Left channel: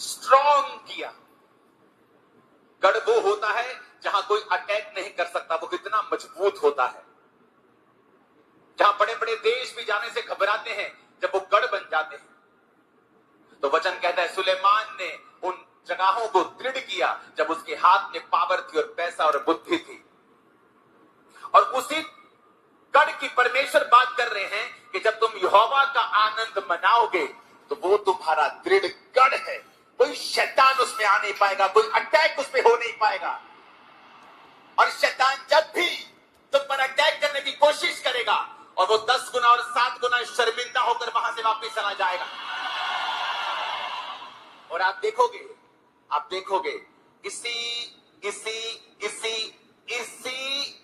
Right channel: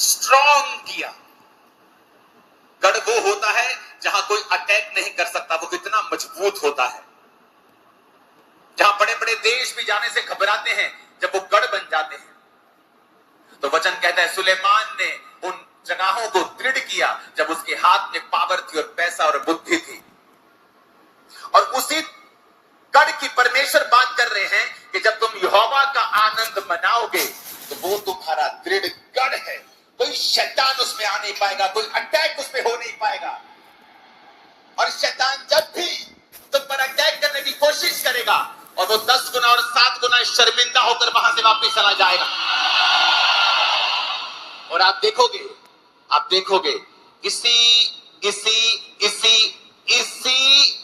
Strong किया। गढ़ वो होता है जहां कोई अटैक नहीं कर सकता, वो इतना मजबूत होता है। जहां बड़े बड़े देश भी जाने से घबराते हैं, जब वो गढ़ बन जाते हैं। तो वचन कहता है सुलेमान ने उन जगहों को दृढ़ किया जब उसके हाथ में पावर थी और पैसा और बुद्धि थी। और उसी गढ़ की परमेश्वर बात कर रहे हैं कि जब तुम यहोवा का आनंद मनाओगे तो वो तुम्हारा दृढ़ गढ़ है। कोई शैतान उसमें आ नहीं पाएगा, कोई अटैक उसमें हो नहीं पाएगा। और शैतान जब भी तुम पर अटैक करने की कोशिश करेगा और वो 10 गुना और 7 गुना शर्मिंदा होकर वहां से वापस चला जाएगा। और आप देखोगे इसी इसी इसी इसी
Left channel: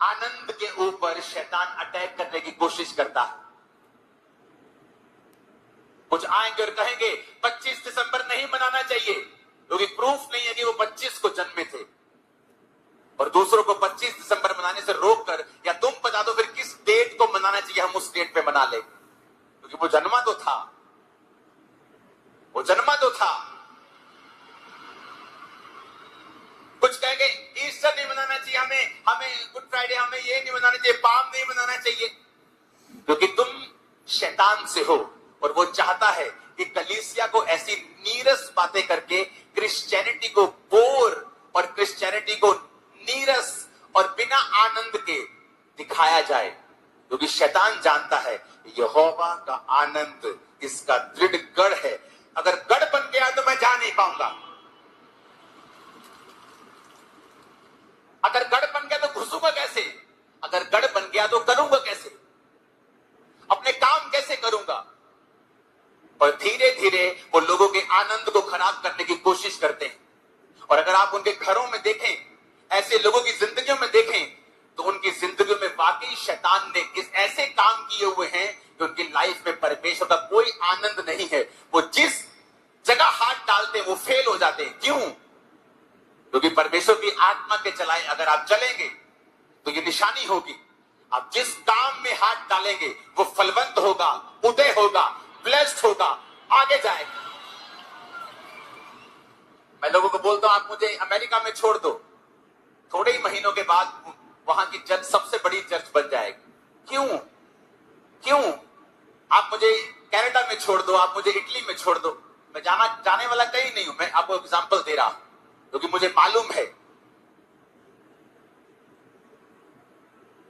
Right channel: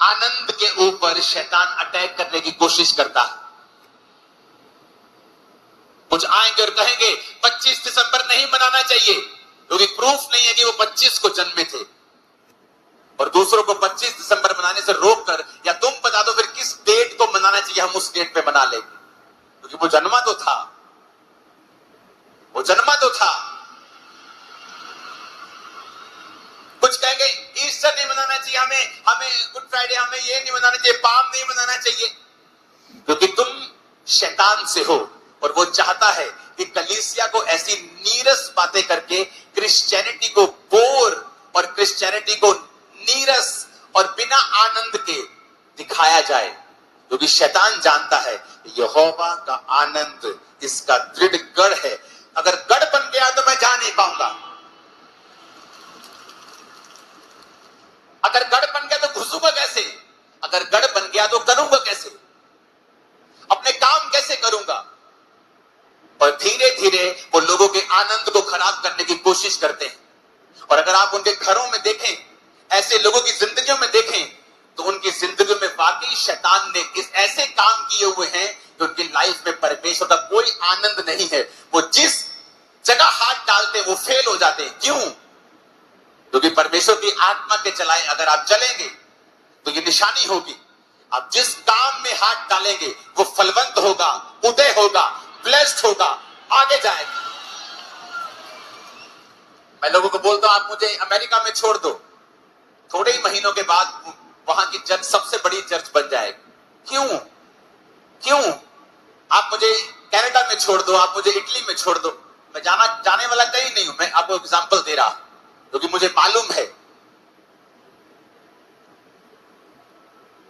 आनंद के ऊपर शैतान अटैक करने की कोशिश करता है। कुछ आएंगे और कहेंगे 25 दिसंबर नहीं मनाना चाहिए, क्योंकि प्रूफ नहीं है कि वो 25 को जन्मे थे। और दूसरों को 25 दिसंबर मनाने से रोक कर, या तुम बता दो फिर किस डेट को मनाना चाहिए, हम उस डेट पे मना लेंगे, क्योंकि वो जन्मा तो था। कुछ कहेंगे ईस्टर नहीं मनाना चाहिए, हमें गुड फ्राइडे, हमें ये नहीं मनाना चाहिए, पाम नहीं मनाना चाहिए, क्योंकि तुम शैतान से हो और वो चाहता है कि कलीसिया को ऐसी नीरस बातें करके क्रिश्चियनिटी को बोर और क्रिश्चियनिटी को नीरस और बिना आनंद के दिखाया जाए, क्योंकि शैतान जानता है यहोवा का आनंद इसका दृढ़ गढ़ है। अगर गढ़ बन गया तो मैं जा नहीं पाऊंगा, अगर गढ़ बन गया तो घुसूंगा कैसे, अगर गढ़ बन गया तो करूंगा कैसे, अपने काम कैसे करूंगा। और धीरे धीरे वो लोगों के आनंद को खराब करने की कोशिश करते हैं। और अगर आप उनके घरों में देखें, ऐसे लोगों की जिंदगियों में देखें, तो उनकी जिंदगी में वाकई शैतान ने इस ऐसे काम किए हुए हैं कि उनकी लाइफ में परमेश्वर का कोई आनंद नहीं है। वो जिस जगह हाथ डालते हैं वो फेल हो जाते हैं। क्यों? क्योंकि परमेश्वर की आत्मा के चलाए अगर आप चलेंगे तो ये निशानी होगी, आप जिस काम में हाथ डालेंगे वो फलवंत होगा, उदय होगा, ब्लेस्ड होगा, आगे जाएगा। मैं लोगों को बोलता हूं आप मुझे अमेरिका में छोड़ दो, थोड़े ही महीनों के बाद वहां की चर्च सबसे बड़ी चर्च बन जाएगी। क्यों? आप मुझे कनाडा में छोड़ दो, आप मुझे इटली में छोड़ दो, मैं जाने वाला कहीं नहीं हूं। मैं आपको एग्जांपल दे रहा हूं क्योंकि मुझे मालूम है,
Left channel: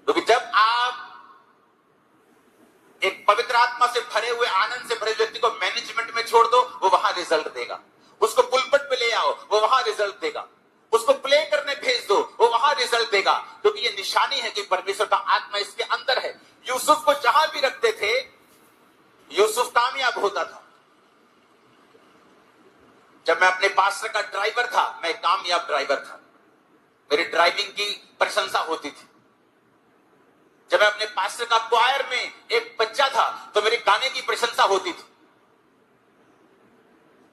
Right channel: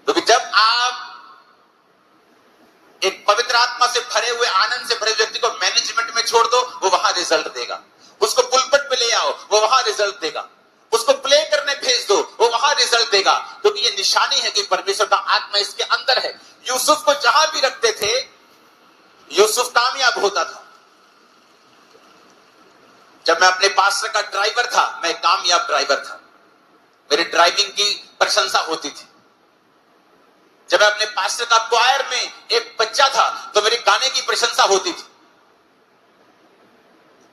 क्योंकि जब आप एक पवित्र आत्मा से भरे हुए, आनंद से भरे व्यक्ति को मैनेजमेंट में छोड़ दो, वो वहां रिजल्ट देगा। उसको पुलपट पे ले आओ, वो वहां रिजल्ट देगा। उसको प्ले करने भेज दो, वो वहां रिजल्ट देगा, क्योंकि ये निशानी है कि परमेश्वर का आत्मा इसके अंदर है। यूसुफ को जहां भी रखते थे यूसुफ कामयाब होता था। जब मैं अपने पास्टर का ड्राइवर था, मैं कामयाब ड्राइवर था, मेरी ड्राइविंग की प्रशंसा होती थी। जब मैं अपने पास्टर का क्वायर में एक बच्चा था तो मेरे गाने की प्रशंसा होती थी।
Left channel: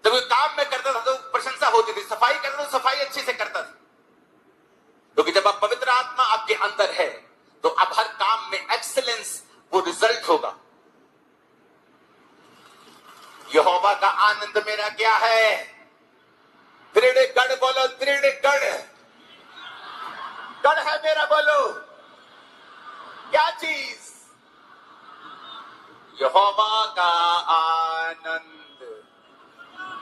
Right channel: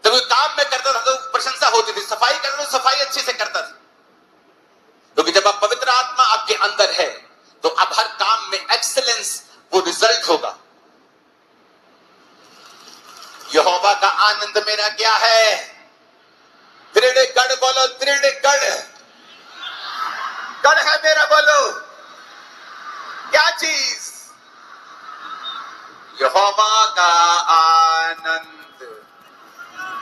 जब कोई काम में करता था तो प्रशंसा होती थी, सफाई करता तो सफाई अच्छे से करता था, क्योंकि जब आप पवित्र आत्मा आपके अंदर है तो अब हर काम में एक्सीलेंस, वो रिजल्ट होगा। यहोवा का आनंद मेरा क्या है? दृढ़ गढ़ बोलो, दृढ़ गढ़ है मेरा। बोलो क्या चीज? यहोवा का आनंद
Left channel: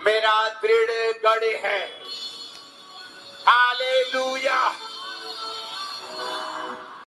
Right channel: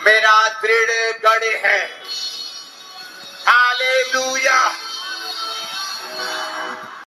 मेरा दृढ़ गढ़ है। हालेलुया।